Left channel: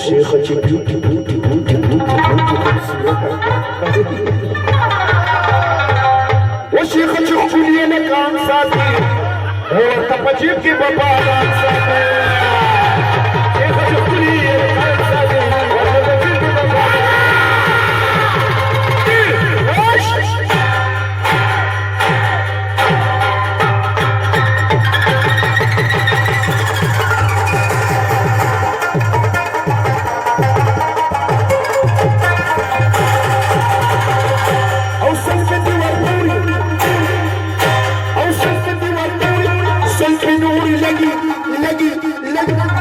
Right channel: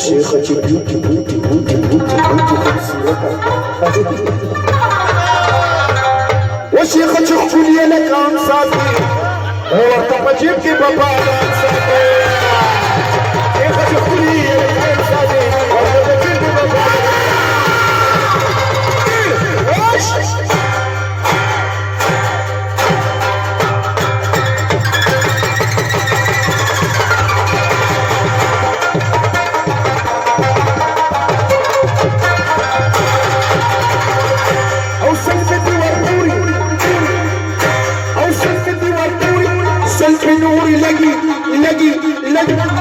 شيخة بيوتي بيوتي بيوتي بيوتي بيوتي وشيخة خولي لك أنصاتي وارتقى جيبك بابا أنصاتي شيخة خولي لك أنصاتي وارتقى جيبك بابا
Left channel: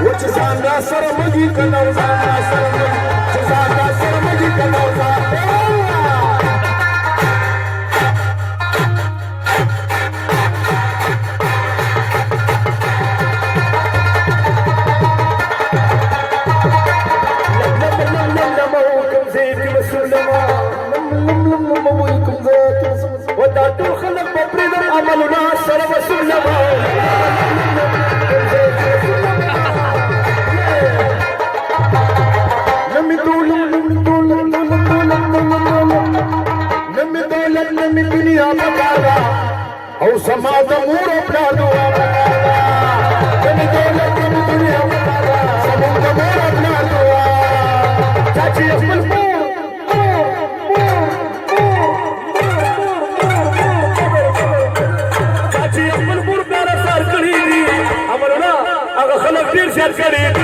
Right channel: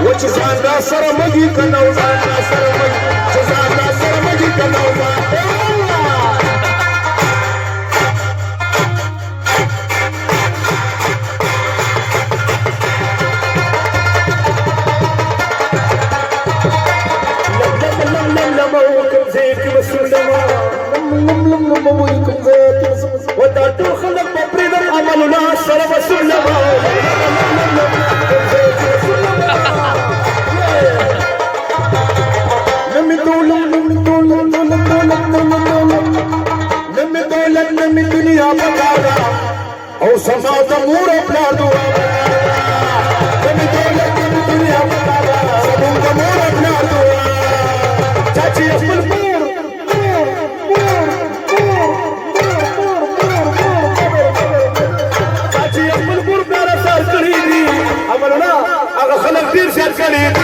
وجزانا سرمجي كنوزا سرمجي جزانا سرمجي كنوزا وداتو خلق ببريد عملنا سلام سلما نمی دنیا بتایا او سما دمور اپنا دعا نمی دولت نمی دنیا بتایا سمون دمور اپنا دعا چاچی اپل پور چاچی اپل پور پیارا سار کری دی امرونا اگر خلق دیر شیر کری